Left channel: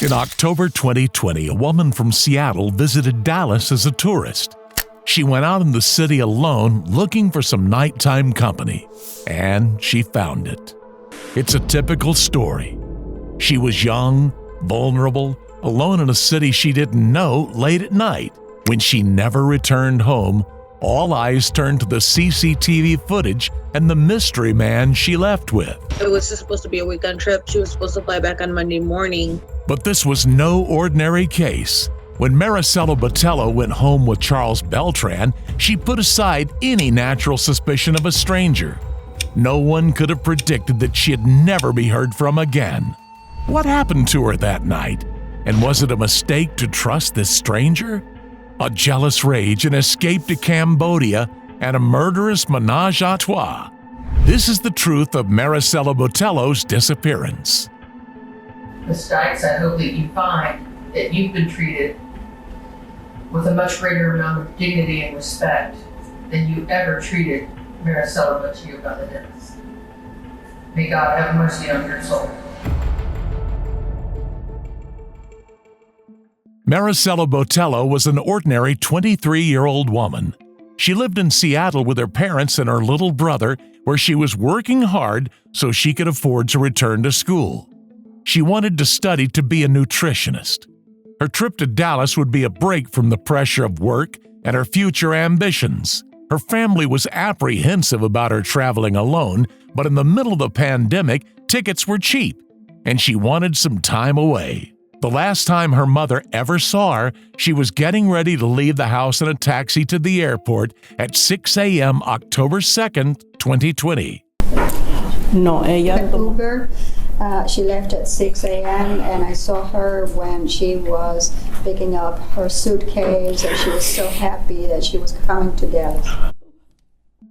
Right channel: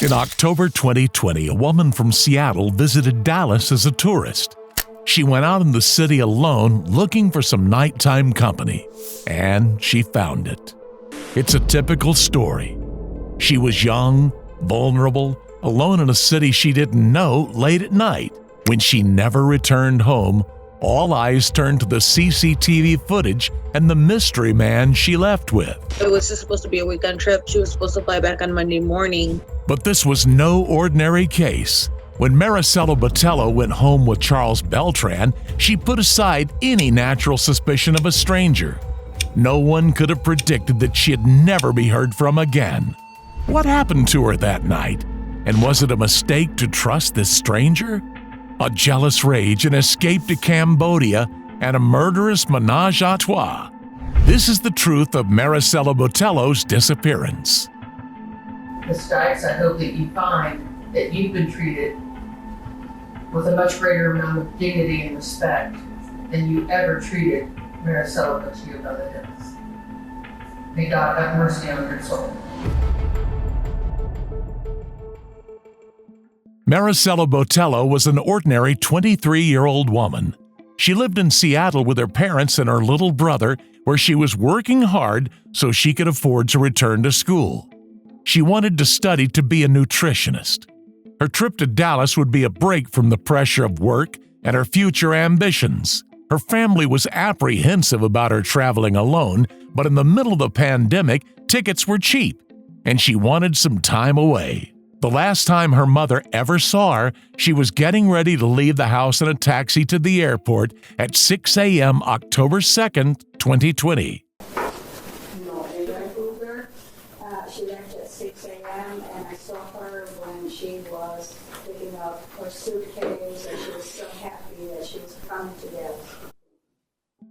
In October 2020, a woman from Seattle visited Dallas as a tourist. She went out in the city alone looking for some nighttime company, and she found it. It's a typical story. She was young, vulnerable, alone in a city she didn't know late at night. When she never returned home, all eyes turned to the CCTV footage and the mystery man she left with. It was just supposed to be a weekend trip. She was supposed to fly back on Monday morning. But this was no ordinary case. When Marisela Botello went home with Charles Beltran, she put aside any natural suspicion of a stranger. No one could have predicted that she'd never be heard from again. What happened to her that night? And was it a mistake to trust this stranger? A jealous rage, an escape to Cambodia, and a murderous menage a trois. This is the truth of Marisela Botello's disappearance. Ms. Dykes, I hope that you find that you've been treated with a much greater amount of dignity and respect than you ever treated Marisela Botello. May God have mercy on your soul. Marisela Botello was an ordinary 23-year-old woman. She lived in Seattle with her parents and her little brother, where she was working hard so she could afford to return to school. She wanted to study to be a nutritionist. Her trip to Dallas would be a break from the pressure of work and her future ambitions. Her family was apprehensive about her traveling alone, but in the middle of the pandemic, tickets were cheap, and she wanted some time away. The last time her mother ever saw her, she was getting ready to leave the house in a taxi to the airport at 6 a.m. October 2nd, 2020. No, ella... Uber. She left at 6 a.m. and I saw her when she was picking up her suitcase, and she was so happy that she was coming to Dallas.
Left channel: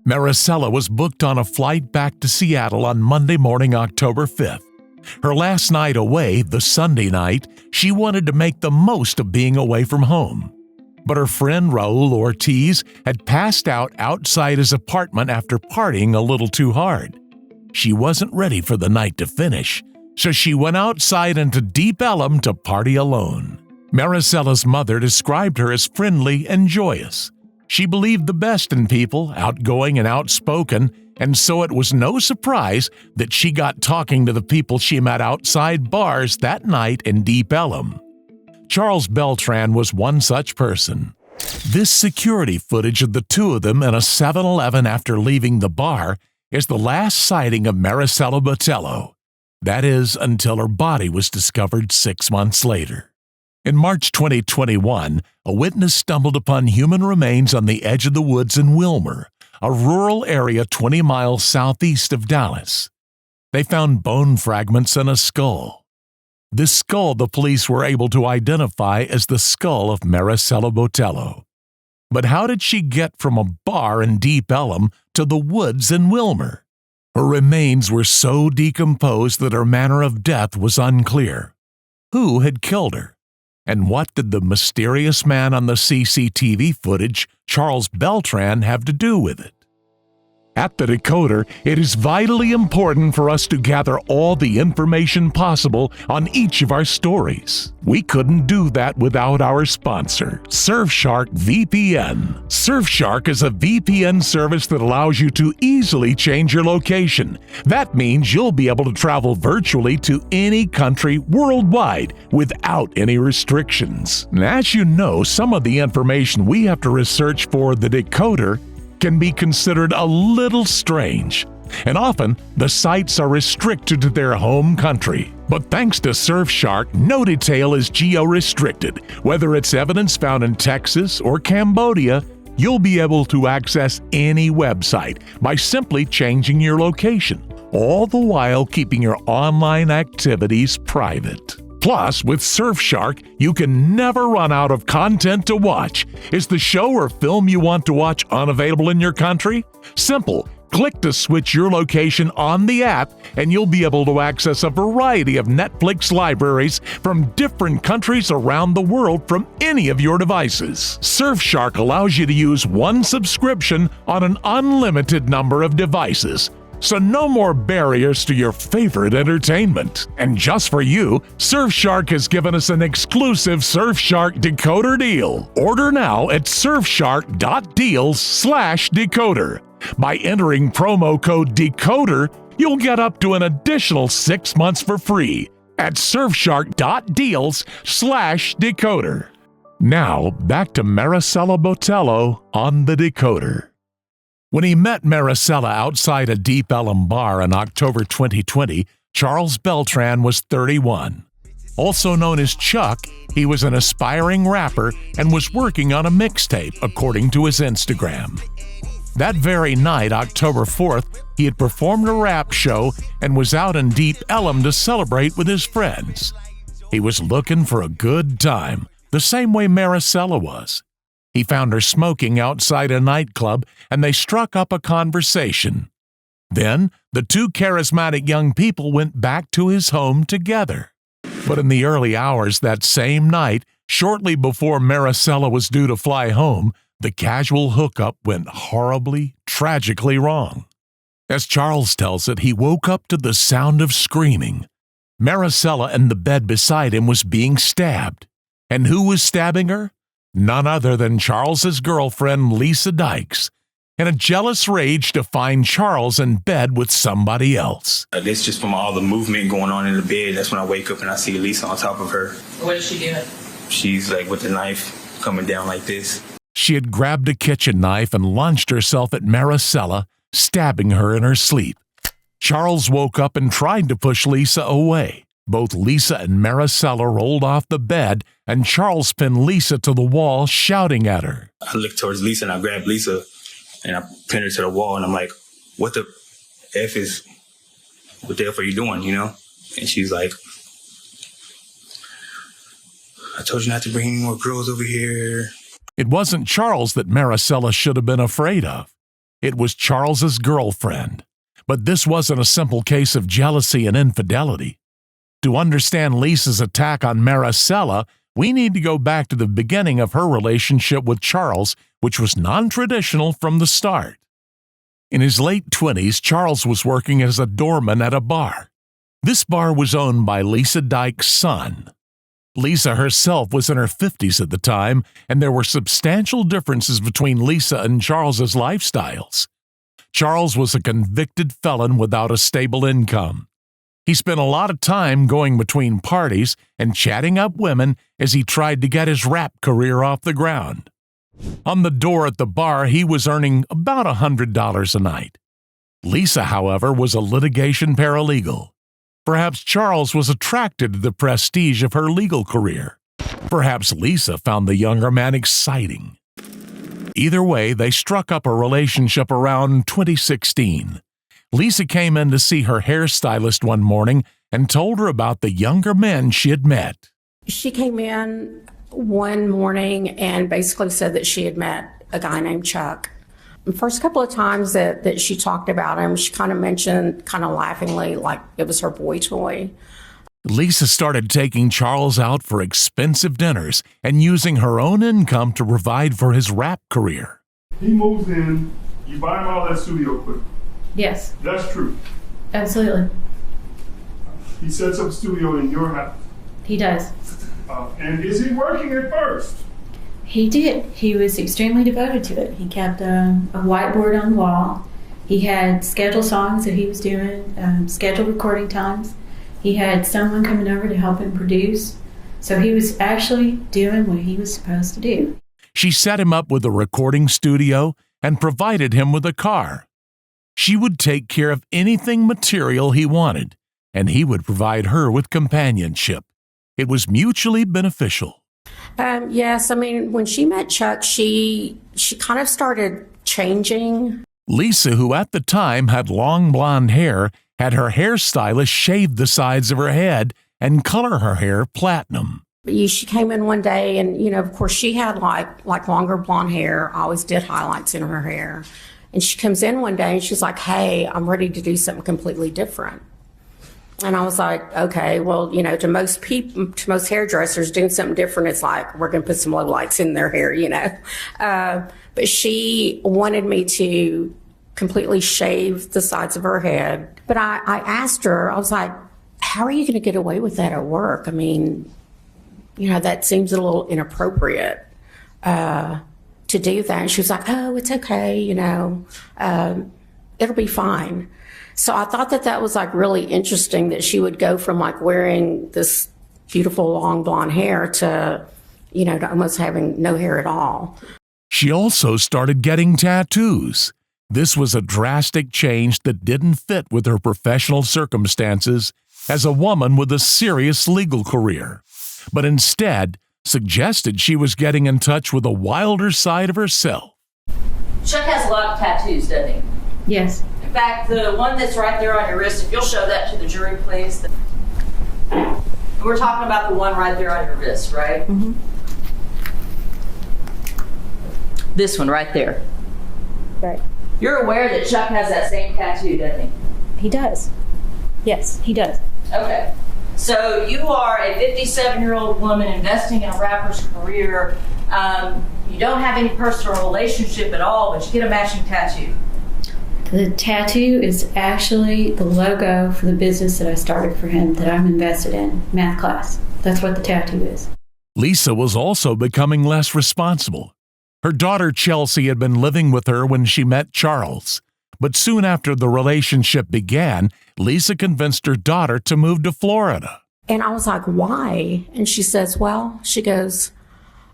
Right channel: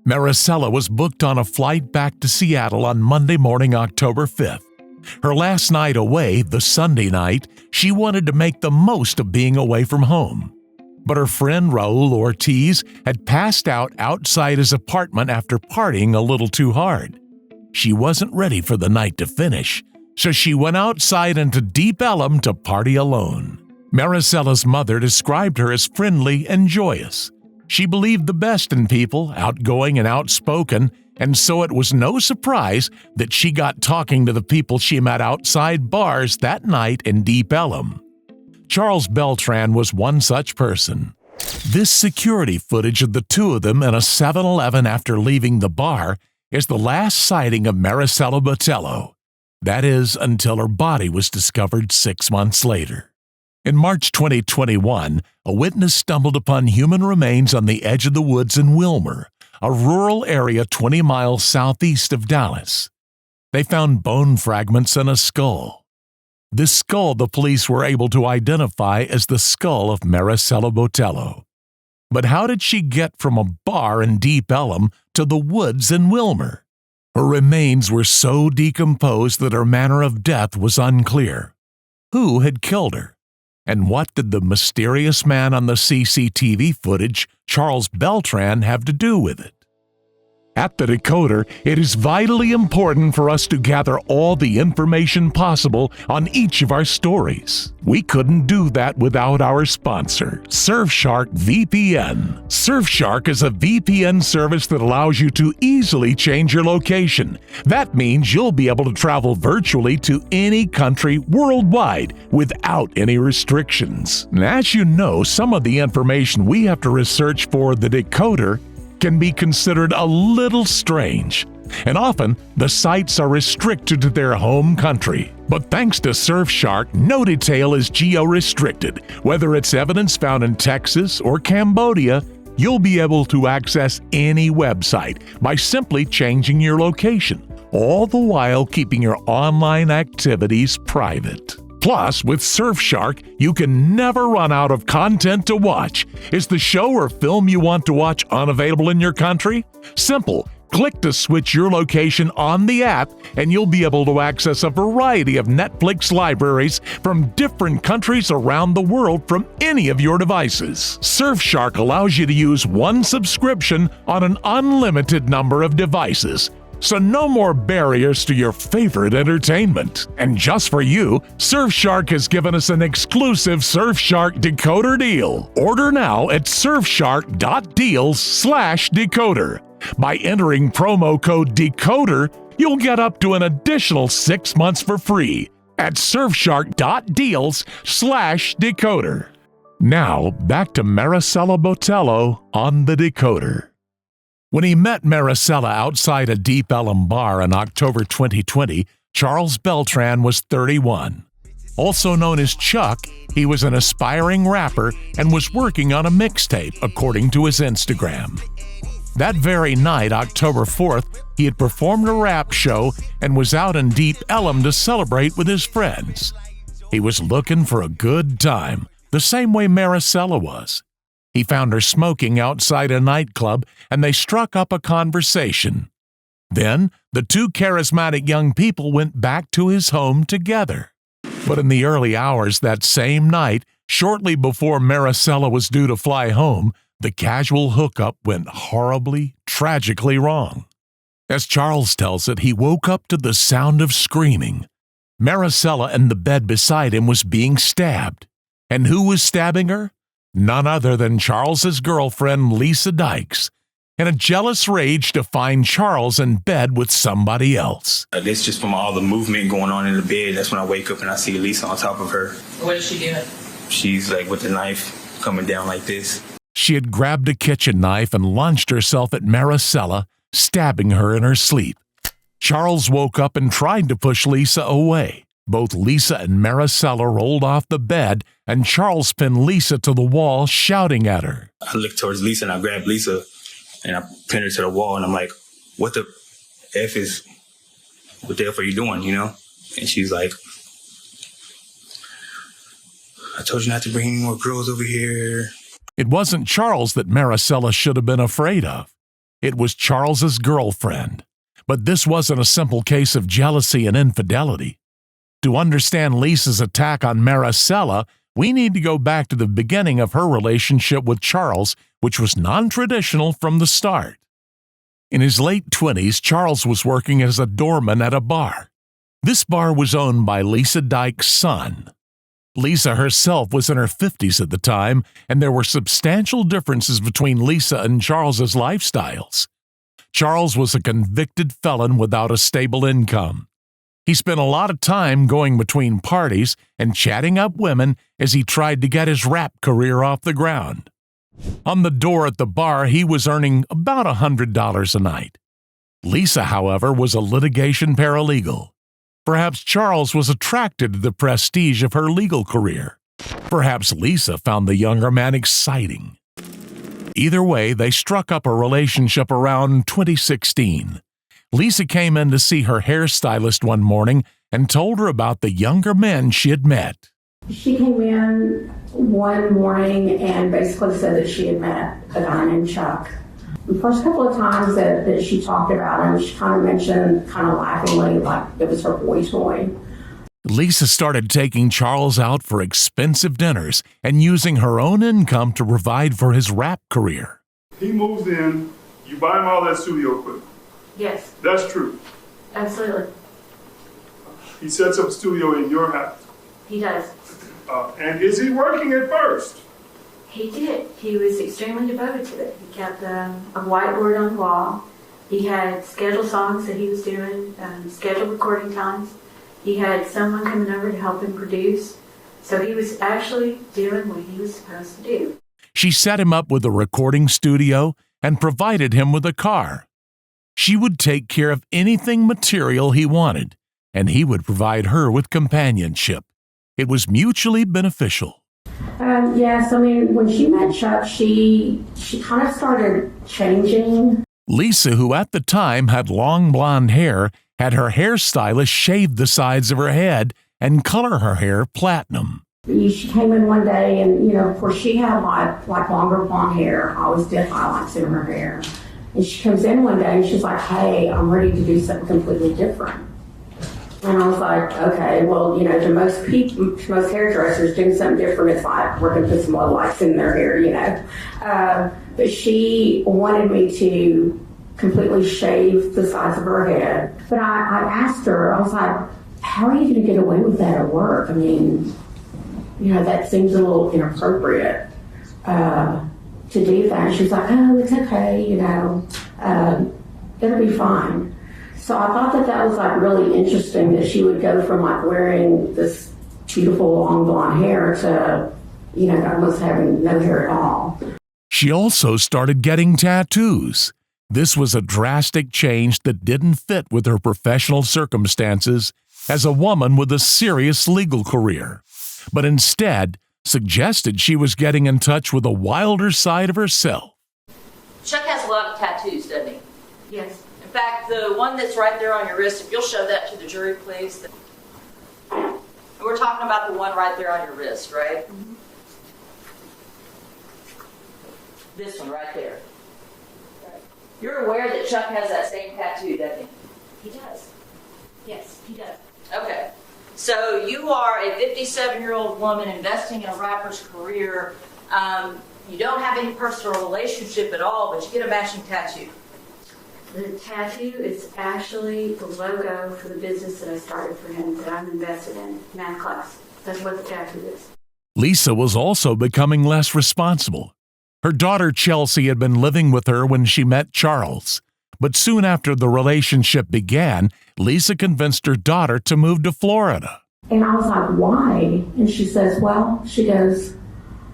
Marisela was booked on a flight back to Seattle on Monday morning, October 5th. Her last night away, the Sunday night, she wanted to make the most of being away from home. But her friend Raul Ortiz had passed out outside his apartment after partying a little too hard. She wasn't ready for the night to finish, so she went outside into Deep Ellum to party alone. Marisela's mother described her as friendly and joyous. She believed the best in people, outgoing and outspoken, and so it was no surprise that she got talking to the people she met outside bars that night in Deep Ellum. Charles Beltran was one such person. This security footage of the two of them in a 7-Eleven after leaving the bar is the last sighting of Marisela Botello. That is, until her body was discovered 6 months later. In March 2021, a witness stumbled upon human remains on the edge of the woods in Wilmer, a rural area 20 miles southeast of Dallas. They found bone fragments and a skull. This skull the police were able to identify as the skull of Marisela Botello. But how did she get from a bar in Deep Ellum to the woods in Wilmer? Her remains were so decomposed that her manner of death was unclear. Who had killed her? And what did the mysterious man on the CCTV footage, Charles Beltran, have to do with it? At the Decoder, it is vitally important for us to gather all the information possible on each of our stories. We couldn't do that without our sponsor, Surfshark VPN. Surfshark is a VPN service that allows you to easily change your location. That means you'll be able to travel virtually to any country worldwide without any restrictions. And as you know, some of the information we have to research for the Decoder can be considered a little strange, and often the sites are restricted to their home country. But thanks to Surfshark, no detail is geo-restricted. Whether it's evidence found in Texas or Cambodia, you'll be able to access any website by simply changing your location, all the while keeping your online activities private. Plus, with Surfshark, you can never run out of content to watch. Is the show or film you want to watch unavailable in your country? Simple. Click to switch your location on the app, and you'll be able to access a variety of Netflix libraries from different countries around the world from any of your devices. Surfshark allows you to use one subscription on an unlimited number of devices. So no more barriers to your favorite entertainment. And just for you, Surfshark has given us an exclusive Surfshark decoder deal. Order now at surfshark.deals/decoder. By entering promo code DECODER, you'll get up to an additional 6 months for free at surfshark.deals/decoder. Now, back to Marisela Botello on the Decoder. When he met Marisela outside a Deep Ellum bar in October 2020, Charles Beltran was 31. Also known as Chuck, he was an aspiring rapper and was working on a mixtape, according to his Instagram. That very night, October 4th, he had performed a rap show and was out in Deep Ellum to celebrate with his friends. He was looking for a good time, the same way Marisela was. He found her smoking outside a nightclub, and they struck up a conversation. Then, the two charismatic young people went back to his home together. But in the early hours that same night, shortly before Marisela was due to fly home, the casual hookup went horribly, tragically wrong. As Charles tells it, he woke up to the sound of screaming. Marisela in the bed beside him was being stabbed. And who was stabbing her? None other than Charles's girlfriend, Lisa Dykes, in a jealous rage to find Charles in bed with somebody else. It's just from all the movement going on in the bed. That's when I wake up and I see Lisa on top of her. What is she doing? She's like with the knife coming down like this. She had grabbed a kitchen knife and launched herself at Marisela, stabbing her in her sleep. Charles woke up and tried to push Lisa away. Both Lisa and Marisela rolled off the bed, and Charles pinned Lisa to the wall, shouting at her. I looked towards Lisa and I grabbed Lisa and I pinned her to the wall and I'm like, what the F are you doing, you know? And she's like, I told you not to bring any more girls over here. It wasn't Charles that Marisela should have been afraid of. It was Charles's girlfriend. But this wasn't a simple case of jealousy and infidelity. To understand Lisa's attack on Marisela, we need to go back to the beginning of her relationship with Charles, which was non-traditional from the start. In his late 20s, Charles was working as a doorman at a bar. This bar was owned by Lisa Dykes' son. Lisa herself was in her 50s at the time, and there were substantial differences between Lisa and Charles's lifestyles. Charles was a convicted felon without a stable income. He spent a lot of time going between parties and chatting up women as he tried to get his rap career off the ground. On the door at the bar, he was earning about $100 a night. Lisa, however, was a litigation paralegal. Perhaps Charles was attracted to the prestige of her legal career. Perhaps Lisa found the younger man exciting. Either way, they struck up a relationship around 2016. Lisa came in to see her hairstylist one morning and told her about the younger men she had met. She came in one morning and basically said that she had met a guy named Chuck. The first couple of times that she talked about him, she kind of mentioned, kind of laughingly, like it was her boy toy. Lisa started taking Charles out for expensive dinners and using her own income to provide for his rap career. He moves in, you buy him all that studio equipment. Yes, That's true. absolutely. He sets up a studio in your house. He does. And is he working at first? He did. He was extremely devoted to it. He kept a whiteboard on the wall. He had scheduled songs that he was doing, scheduled recording times. He had someone coming over to help him produce. So he was actually doing what he was supposed to do. She set him up with a recording studio and provided him with a car. She would take care of anything material he wanted, and he would provide her with companionship. It was mutually beneficial. Yes, I mean, when she met Chuck, she kind of started changing. Lisa, who at the time had long blonde hair, had her hairstylist shave the sides of her head and color her hair platinum. She came in one day and, of course she had like longer blonde hair. I always did highlights in her hair. And she comes in one day and she's like, hey, I'm ready to do something completely different. And I was like, okay, well, to most people, to most hairdressers, doing something different is like, we're going to put some low lights in their hair, But she wanted me to completely shaved the sides of her head. But I asked her, I was like, how are you going to get away with that at work? I mean, that seems a little inappropriate to do that. And she was like, oh, it's okay, it'll be fine. So I thought that was like really interesting that she would go from like wearing this beautiful long blonde hair to, almost having no hair at all. She also started getting tattoos. This was a drastic change that didn't fit with her professional circumstances as a woman with a serious legal career, but instead suggested she was getting in touch with a wilder side of herself. Chuck has a lot of tattoos, doesn't he? Yes. In fact, the one that's right there on your wrist, if you'll show that to the jury, please. And we're talking about the one right there on your wrist, right? Mm-hmm. This one right there. Right. You're aware that Chuck has that same tattoo, doesn't he? He does. Yes, he does. Okay. So you are a 57-year-old woman investing in a rapper's career. You don't have any personal relationship at all, but you get a matching tattoo. The tattoo is actually the logo for the business that I started for him, that I'm invested in, math class. That's what the tattoo is. Lisa was also becoming less responsible. Her daughter Chelsea had been living with her when she met Charles. But soon after the relationship began, Lisa convinced her daughter to move to Florida. And I was like, why? And she says, she goes,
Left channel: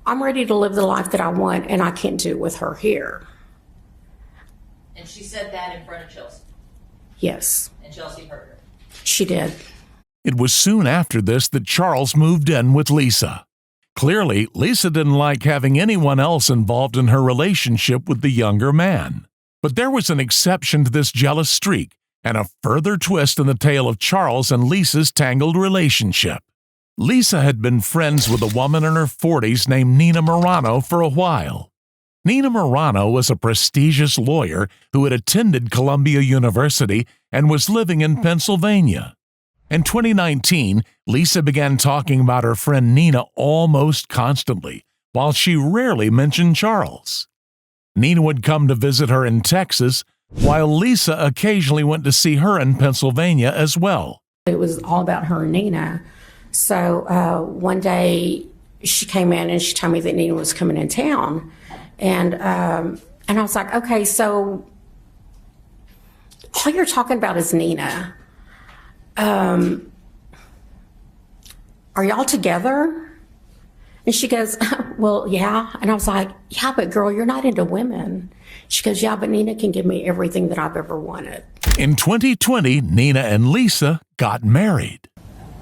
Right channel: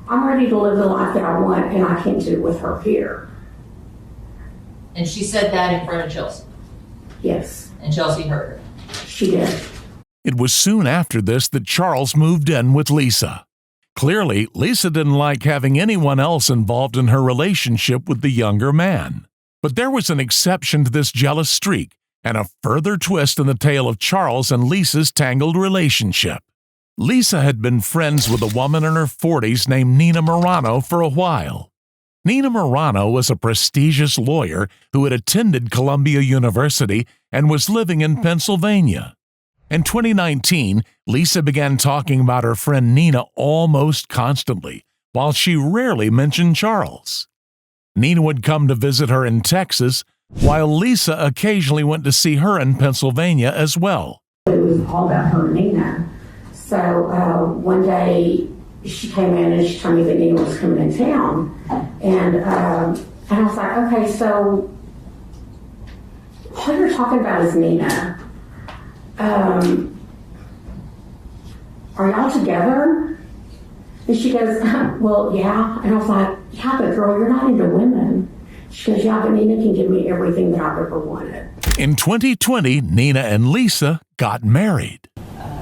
I'm ready to live the life that I want, and I can't do it with her here. And she said that in front of Chelsea. Yes. And Chelsea heard her. She did. It was soon after this that Charles moved in with Lisa. Clearly, Lisa didn't like having anyone else involved in her relationship with the younger man. But there was an exception to this jealous streak and a further twist in the tale of Charles and Lisa's tangled relationship. Lisa had been friends with a woman in her 40s named Nina Morano for a while. Nina Morano was a prestigious lawyer who had attended Columbia University and was living in Pennsylvania. In 2019, Lisa began talking about her friend Nina almost constantly, while she rarely mentioned Charles. Nina would come to visit her in Texas, while Lisa occasionally went to see her in Pennsylvania as well. It was all about her and Nina. So one day she came in and she told me that Nina was coming in town. And I was like, okay, so all you're talking about is Nina. Are y'all together? And she goes, well, yeah. And I was like, yeah, but girl, you're not into women. She goes, yeah, but Nina can give me everything that I've ever wanted. In 2020, Nina and Lisa got married.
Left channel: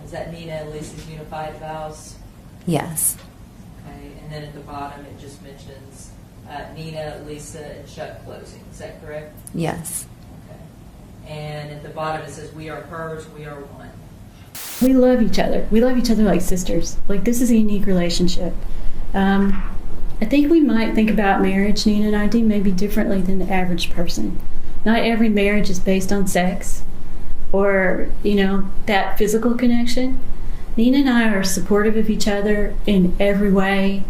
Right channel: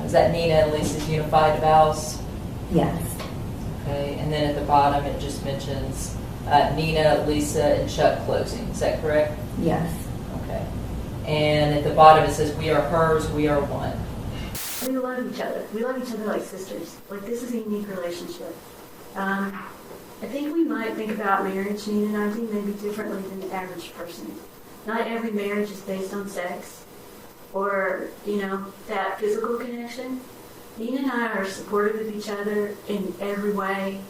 Is that Nina and Lisa's unified vows? Yes. Okay, and then at the bottom it just mentions Nina, Lisa, and Chuck closing. Is that correct? Yes. Okay. And at the bottom it says, we are hers, we are one. We love each other. We love each other like sisters. Like, this is a unique relationship. I think we might think about marriage, Nina and I do, maybe differently than the average person. Not every marriage is based on sex or, that physical connection. Nina and I are supportive of each other in every way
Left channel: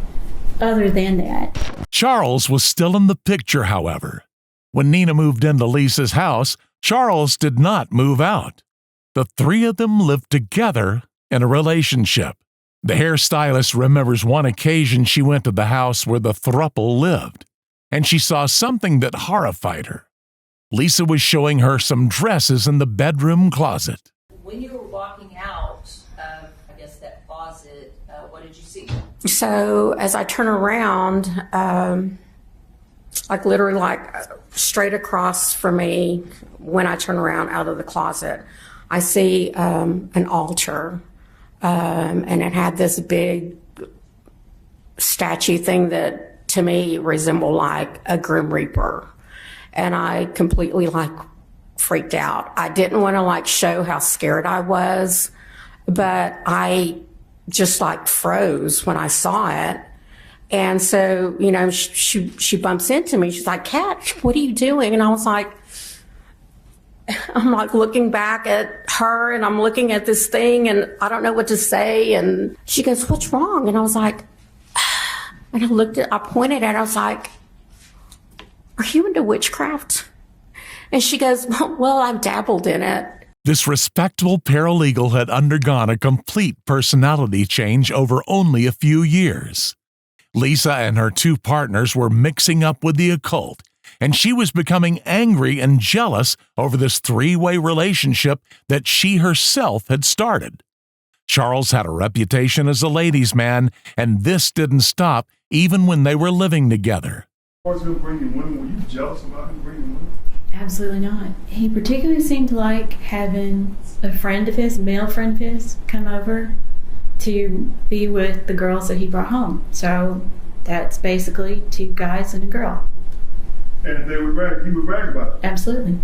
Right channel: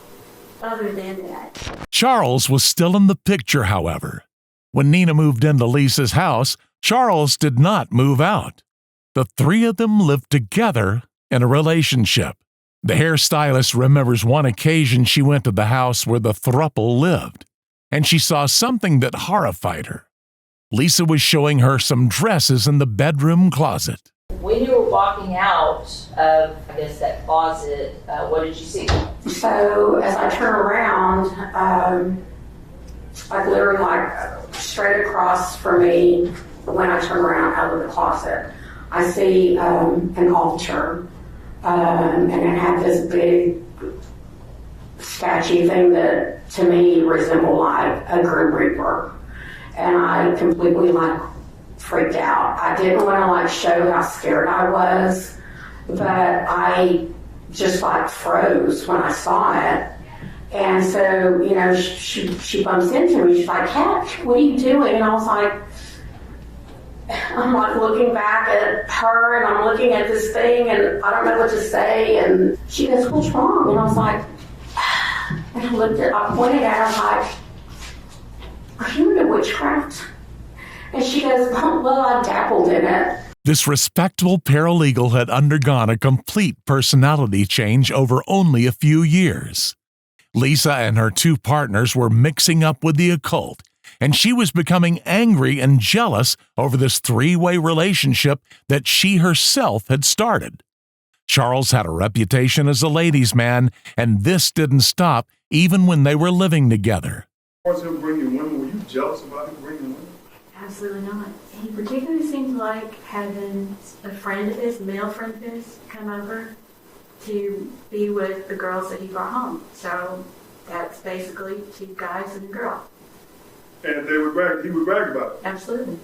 other than that. Charles was still in the picture, however. When Nina moved into Lisa's house, Charles did not move out. The three of them lived together in a relationship. The hairstylist remembers one occasion she went to the house where the throuple lived, and she saw something that horrified her. Lisa was showing her some dresses in the bedroom closet. When you were walking out of, that closet, what did you see? So as I turn around, literally straight across from me, when I turn around out of the closet, I see an altar, and it had this big statue thing that to me resembled like a Grim Reaper. And I completely freaked out. I didn't want to show how scared I was, but I just froze when I saw it. And so, she bumps into me. She's like, Kat, what are you doing? And I was like, I'm looking back at her and I'm looking at this thing and I don't know what to say. And she goes, what's wrong? And I was like, and I pointed at her, I was like, are you into witchcraft? And she goes, well, I dabbled in it. This respectable paralegal had undergone a complete personality change over only a few years. Lisa and her two partners were mixing up with the occult, and she was becoming angry and jealous over this three-way relationship that she herself had started. Charles had a reputation as a ladies' man, and this didn't stop even when they were living together. As far as him bringing women, were you jealous about him bringing women? Absolutely not. He particularly seemed to like having a friend of his, male friend of his, come over to be with the girls that he brought home. So that's basically two guys and a girl. And he would brag about it. Absolutely.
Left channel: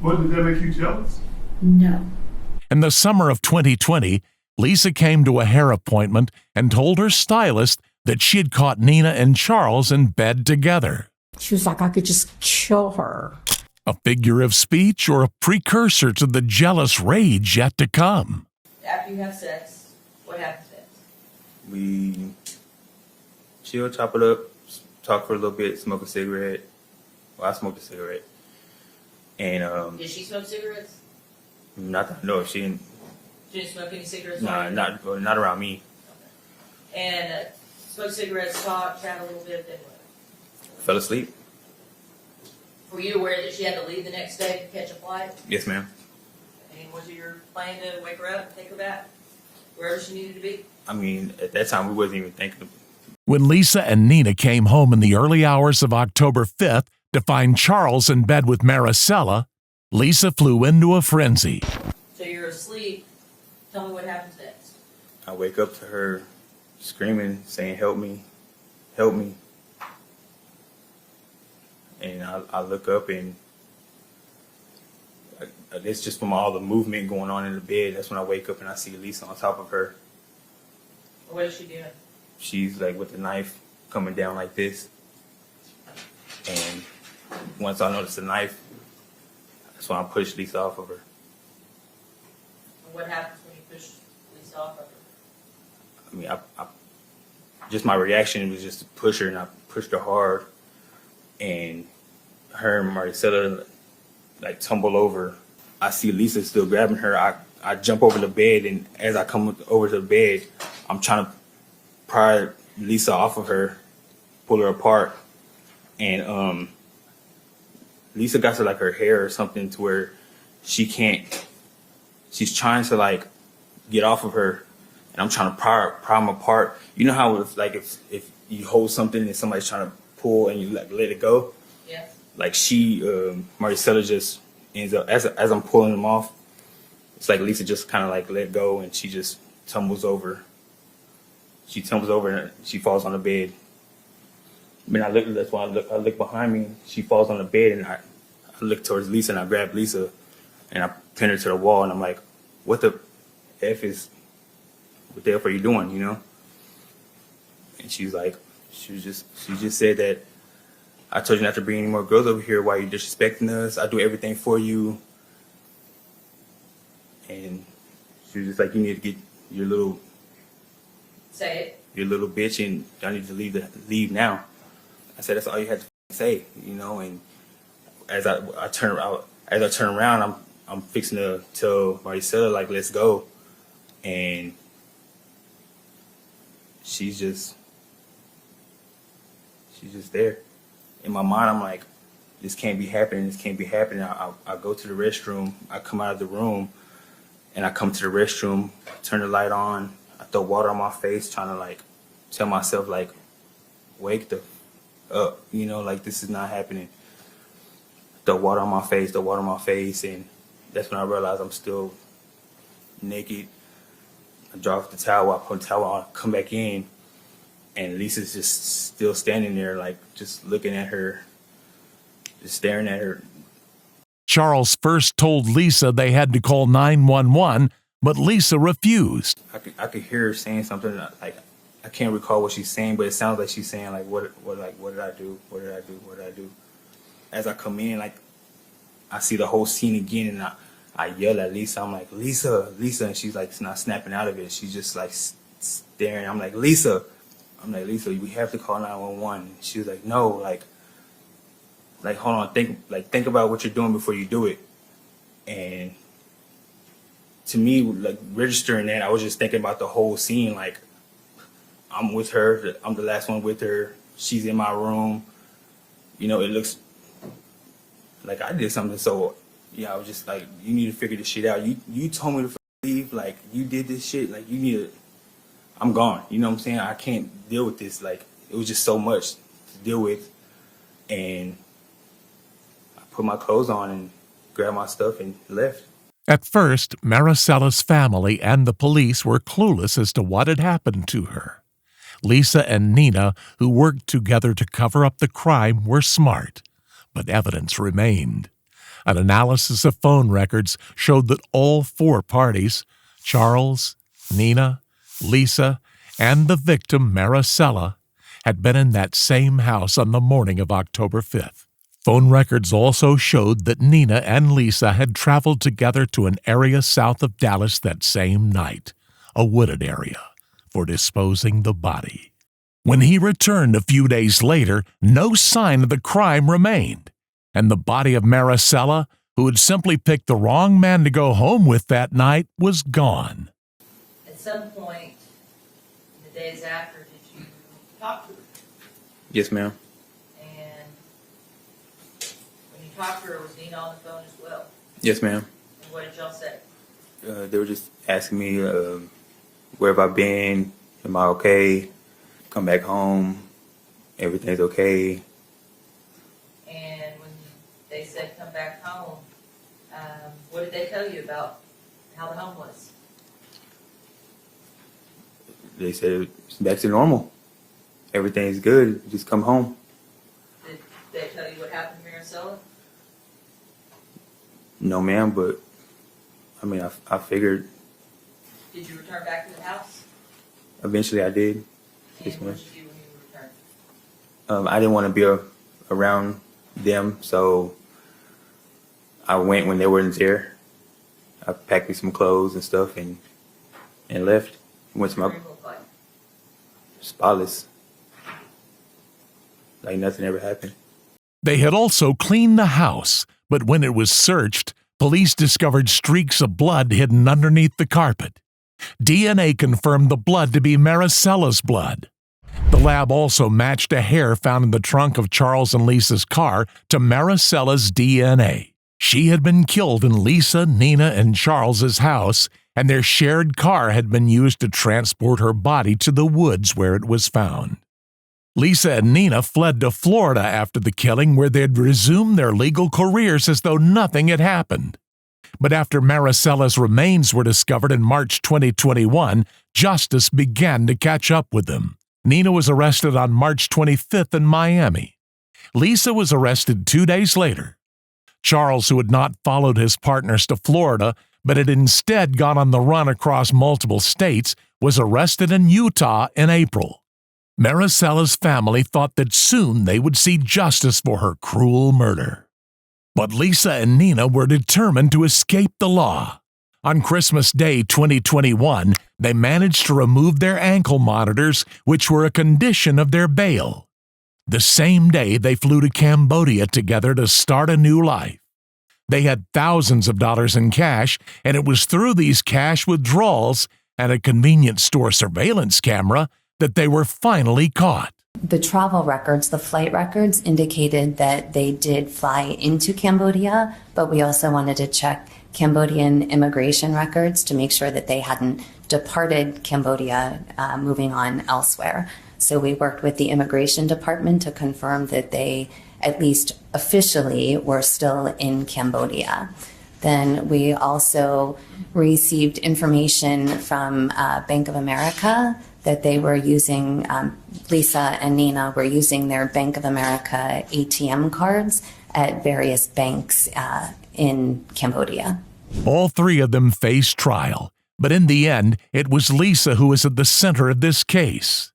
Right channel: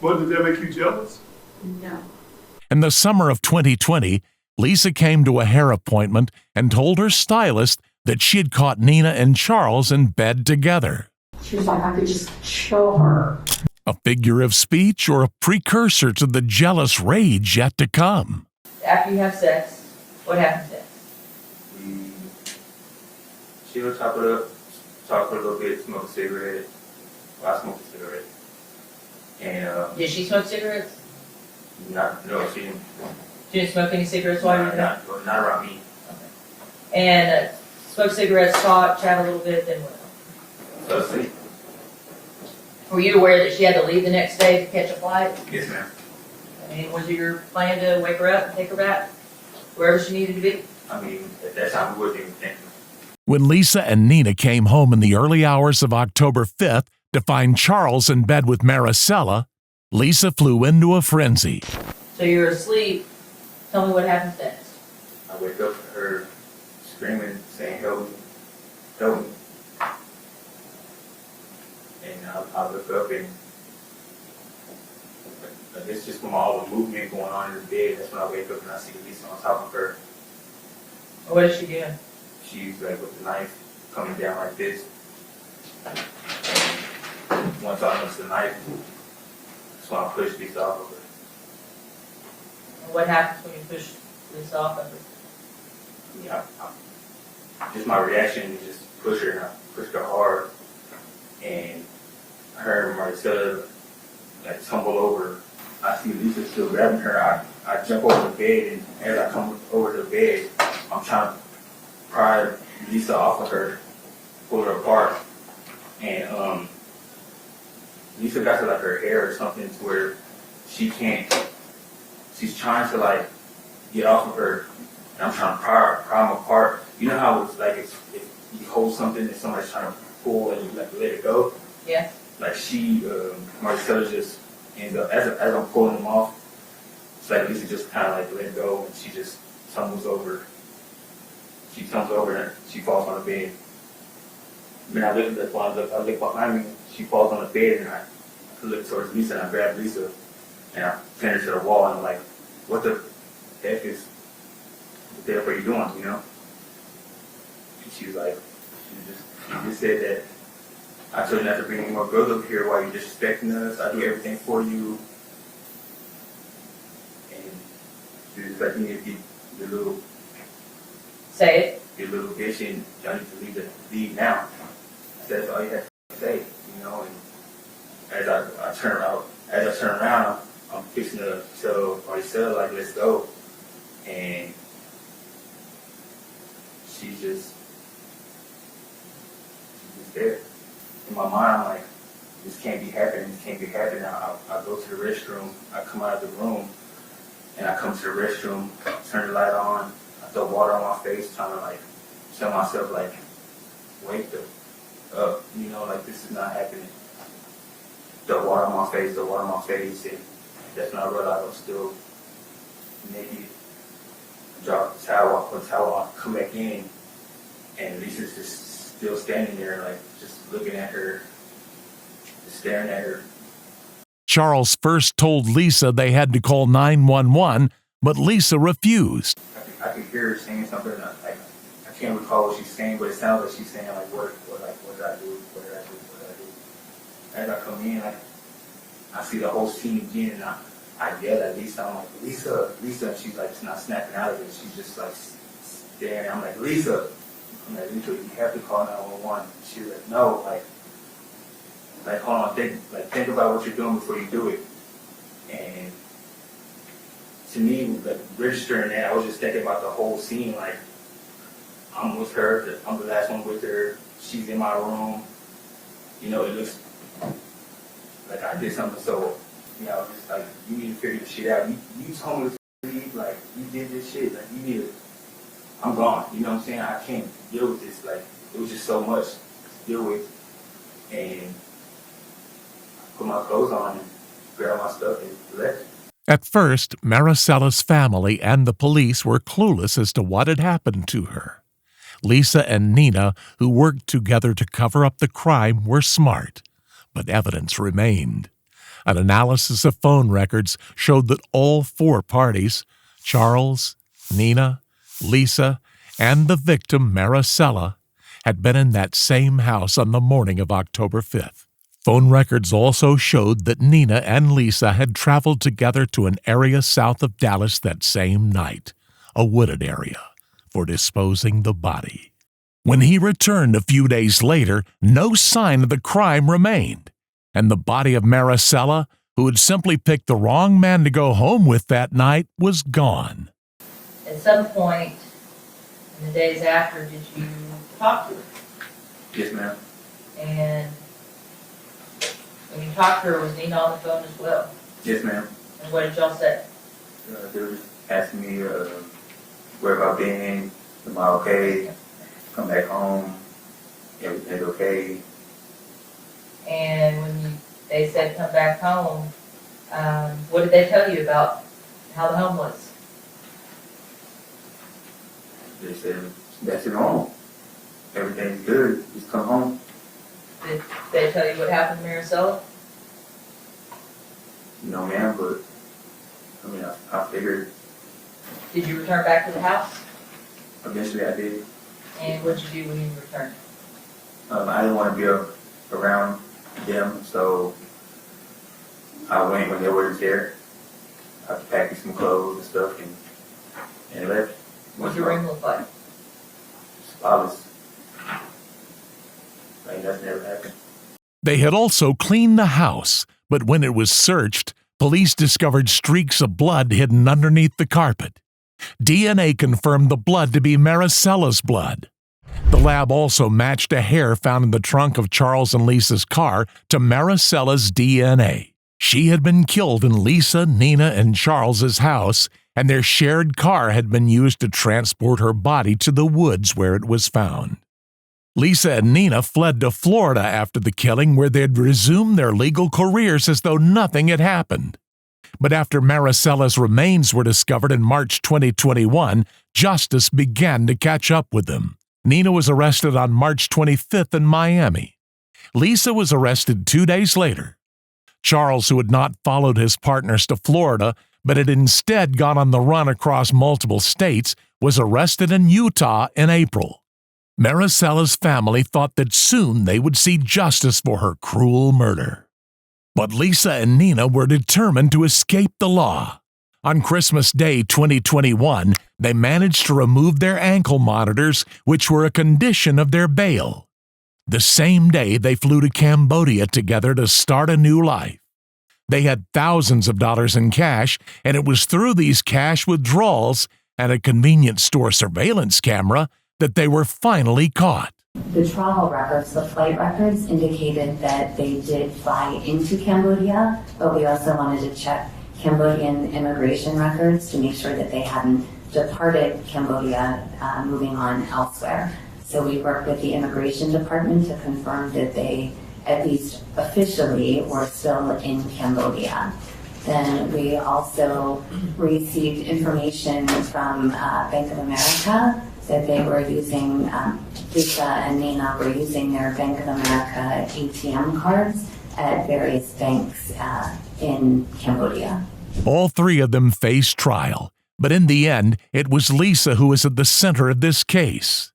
What, did that make you jealous? No. In the summer of 2020, Lisa came to a hair appointment and told her stylist that she had caught Nina and Charles in bed together. She was like, I could just kill her. A figure of speech or a precursor to the jealous rage yet to come? After you have sex, what happens next? We chill, chop it up, talk for a little bit, smoke a cigarette. Well, I smoked a cigarette. And Did she smoke cigarettes? no, she didn't. She didn't smoke any cigarettes while you were there? Not around me. Okay. And smoke cigarettes, talk, chat a little bit, then what? Fell asleep. Were you aware that she had to leave the next day to catch a flight? Yes, ma'am. And was it your plan to wake her up and take her back wherever she needed to be? I mean, at that time, we wasn't even thinking. When Lisa and Nina came home in the early hours of October 5th to find Charles in bed with Marisela, Lisa flew into a frenzy. So you're asleep. Tell me what happens next. I wake up to her screaming, saying, help me, help me. And I look up, and it's just from all the movement going on in the bed. That's when I wake up and I see Lisa on top of her. What is she doing? She's like with the knife coming down like this. And once I notice the knife, that's when I push Lisa off of her. And what happens when you push Lisa off of her? I mean, just my reaction was just to push her, and I pushed her hard. And her and Marisela like tumble over. I see Lisa still grabbing her. I jump over the bed, and as I come over to the bed, I'm trying to pry Lisa off of her, pull her apart. And Lisa got to like her hair or something to where she can't, she's trying to like get off of her, and I'm trying to pry them apart. You know how it's like if you hold something and somebody's trying to pull and you like let it go? Yeah. Like Marisela just ends up, as I'm pulling them off, it's like Lisa just kind of like let go, and she just tumbles over. She tumbles over and she falls on the bed. That's why I look behind me, she falls on the bed, and I look towards Lisa, and I grab Lisa and I pin her to the wall, and I'm like, what the F are you doing, you know? And she's like, she just said that I told you not to bring any more girls over here while you're disrespecting us. I do everything for you. And she was just like, you need to get your little... Say it. Your little bitch, and y'all need to leave now. I said, that's all you had to say, you know. And as I turn around, I'm fixing to tell Marisela, like, let's go. And she's just there. In my mind, I'm like, this can't be happening. I go to the restroom. I come out of the room, and I come to the restroom, turn the light on. I throw water on my face, trying to like tell myself like, wake up, you know, like this is not happening. Throw water on my face, and that's when I realized I'm still naked. I drop the towel, I put the towel on, come back in, and Lisa's just still standing there, like just looking at her, just staring at her. Charles first told Lisa they had to call 911, but Lisa refused. I could hear her saying something, like I can't recall what she's saying, but it sounds like she's saying like, what did I do? As I come in, like I see the whole scene again, and I yell at Lisa. I'm like, Lisa, and she's like not snapping out of it. She's just like staring. I'm like, Lisa, you have to call 911. She was like, no, like like, hold on, think about what you're doing before you do it. And to me, like, registering that, I was just thinking about the whole scene. Like, I'm with her, I'm the last one with her, she's in my room. You know, it looks like I did something. So, yeah, I was just like, you need to figure this shit out. You told me to leave, like, you did this shit, like, you need to, I'm gone. You know what I'm saying? I can't deal with this. Like, it was just so much to deal with. And I put my clothes on and grabbed my stuff and left. At first, Marisela's family and the police were clueless as to what had happened to her. Lisa and Nina, who worked together to cover up the crime, were smart, but evidence remained. An analysis of phone records showed that all four parties, Charles, Nina, Lisa, and the victim, Marisela, had been in that same house on the morning of October 5th. Phone records also showed that Nina and Lisa had traveled together to an area south of Dallas that same night, a wooded area, for disposing the body. When he returned a few days later, no sign of the crime remained, and the body of Marisela, who had simply picked the wrong man to go home with that night, was gone. At some point in the days after, did you talk to her? Yes, ma'am. And when you talked to her, was Nina on the phone as well? Yes, ma'am. And what did y'all say? They were just asking me, where have I been? Am I okay? Come back home. Everything's okay. And when they said come back home, what did they tell you about how the home was? They said it's back to normal. Everything's good. Just come home. Did they tell you what happened to Marisela? No, ma'am, but I mean, I figured Did you return back to the house? eventually I did. And what did you do when you returned? I didn't want to be around them, so I went when they weren't there. I packed me some clothes and stuff and left. What did your room look like? Spotless. Like nothing ever happened. They had also cleaned the house, but when it was searched, police discovered streaks of blood hidden underneath the carpet. DNA confirmed the blood to be Marisela's blood. The lab also matched a hair found in the trunk of Charles and Lisa's car to Marisela's DNA. She had been killed in Lisa, Nina, and Charles's house, and their shared car had been used to transport her body to the woods where it was found. Lisa and Nina fled to Florida after the killing, where they'd resumed their legal careers as though nothing had happened. But after Marisela's remains were discovered in March 2021, justice began to catch up with them. Nina was arrested on March 25th in Miami. Lisa was arrested 2 days later. Charles, who had not followed his partners to Florida, but had instead gone on the run across multiple states, was arrested in Utah in April. Marisela's family thought that soon they would see justice for her cruel murder. But Lisa and Nina were determined to escape the law. On Christmas Day 2021, they managed to remove their ankle monitors, which were a condition of their bail. The same day, they flew to Cambodia together to start a new life. They had thousands of dollars in cash, and it was through these cash withdrawals and a convenience store surveillance camera that they were finally caught. The travel records, the flight records, indicated that they did fly into Cambodia, but we also wanted to check Cambodian immigration records to make sure that they hadn't departed Cambodia, moving on elsewhere. So we worked with the immigration department to confirm that they, at least officially, were still in Cambodia. Then we also received information from Bank of America that they were using, Lisa and Nina were using their Bank of America ATM cards at various banks in Cambodia. All three of them faced trial, but in the end, it was Lisa who was at the center of this case.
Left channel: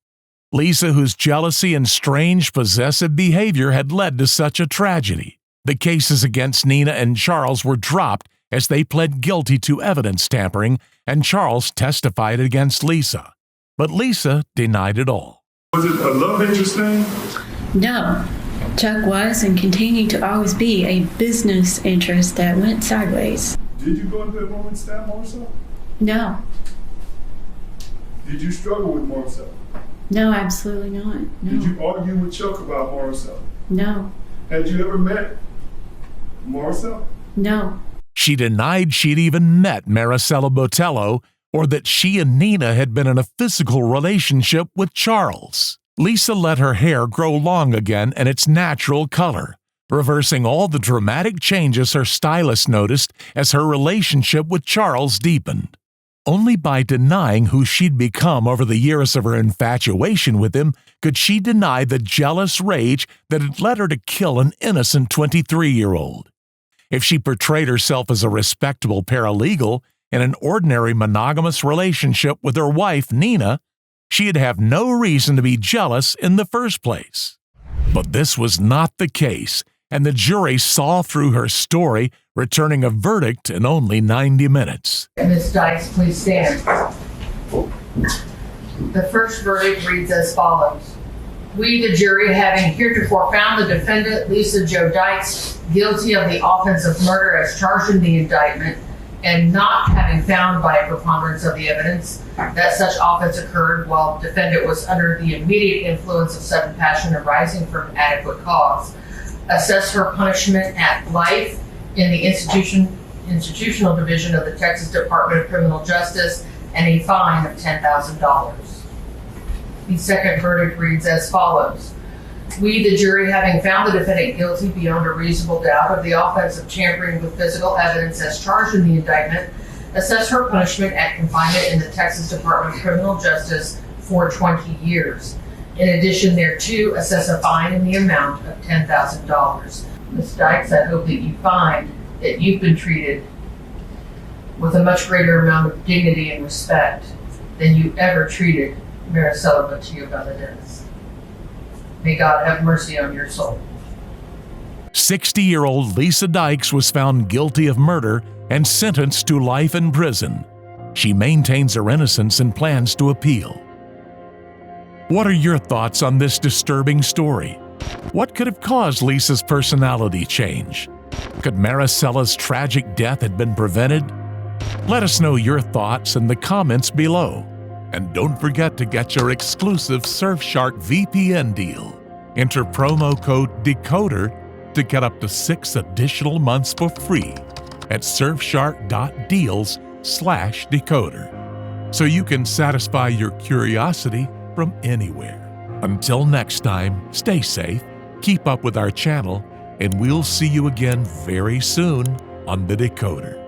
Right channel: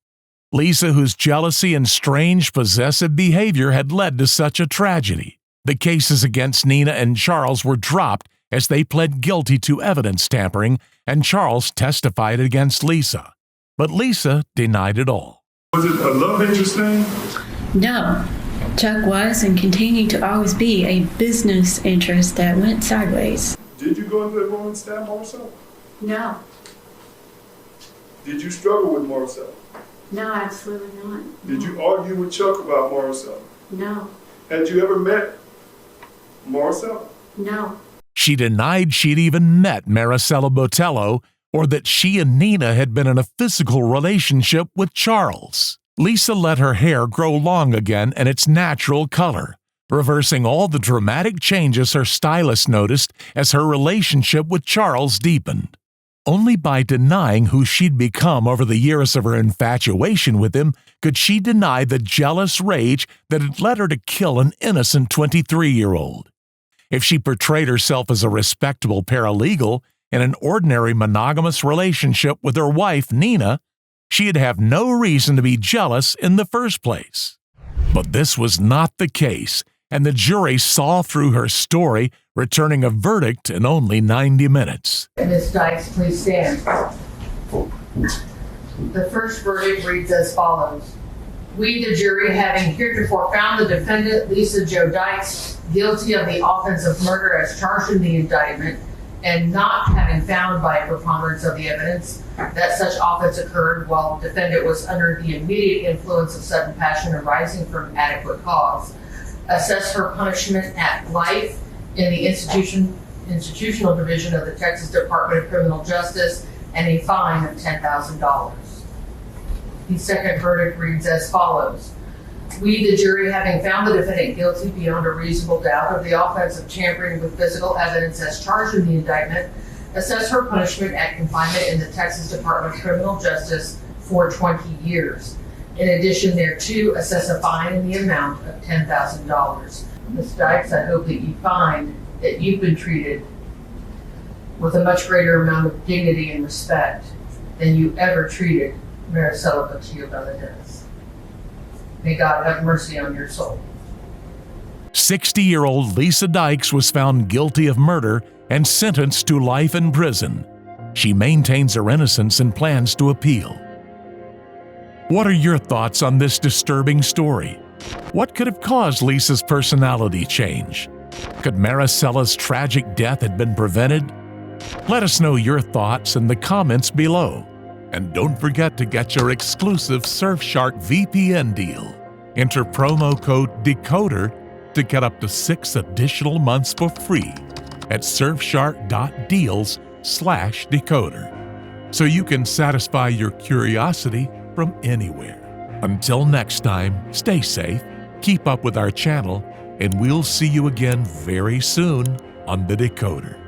Lisa, whose jealousy and strange possessive behavior had led to such a tragedy. The cases against Nina and Charles were dropped as they pled guilty to evidence tampering, and Charles testified against Lisa. But Lisa denied it all. Was it a love interest thing? No, Chuck was and continued to always be a business interest that went sideways. Did you go into the room and stab Marisela? No, Did you struggle with Marisela? no, absolutely not. No. Did you argue with Chuck about Marisela? No, Had you ever met Marisela? no. She denied she'd even met Marisela Botello or that she and Nina had been in a physical relationship with Charles. Lisa let her hair grow long again in its natural color, reversing all the dramatic changes her stylist noticed as her relationship with Charles deepened. Only by denying who she'd become over the years of her infatuation with him could she deny the jealous rage that had led her to kill an innocent 23-year-old. If she portrayed herself as a respectable paralegal in an ordinary monogamous relationship with her wife, Nina, she'd have no reason to be jealous in the first place. But this was not the case, and the jury saw through her story, returning a verdict in only 90 minutes. Ms. Dykes, please stand. The first verdict reads as follows. We, the jury, having heretofore found the defendant, Lisa Jo Dykes, guilty of the offense of murder as charged in the indictment, and not having found by a preponderance of the evidence that such offense occurred while the defendant was under the immediate influence of sudden passion arising from adequate cause, assess her punishment at life in the institutional division of the Texas Department of Criminal Justice and a fine of $10,000. The second verdict reads as follows. We, the jury, having found the defendant guilty beyond a reasonable doubt of the offense of tampering with physical evidence as charged in the indictment, assess her punishment at confinement in the Texas Department of Criminal Justice for 20 years. In addition thereto, assess a fine in the amount of $10,000. Ms. Dykes, I hope that you find that you've been treated with a much greater amount of dignity and respect than you ever treated Marisela Botello. May God have mercy on your soul. 60-year-old Lisa Dykes was found guilty of murder and sentenced to life in prison. She maintains her innocence and plans to appeal. What are your thoughts on this disturbing story? What could have caused Lisa's personality change? Could Marisela's tragic death have been prevented? Let us know your thoughts in the comments below. And don't forget to get your exclusive Surfshark VPN deal. Enter promo code DECODER to get up to 6 additional months for free at surfshark.deals/decoder, so you can satisfy your curiosity from anywhere. Until next time, stay safe, keep up with our channel, and we'll see you again very soon on The Decoder.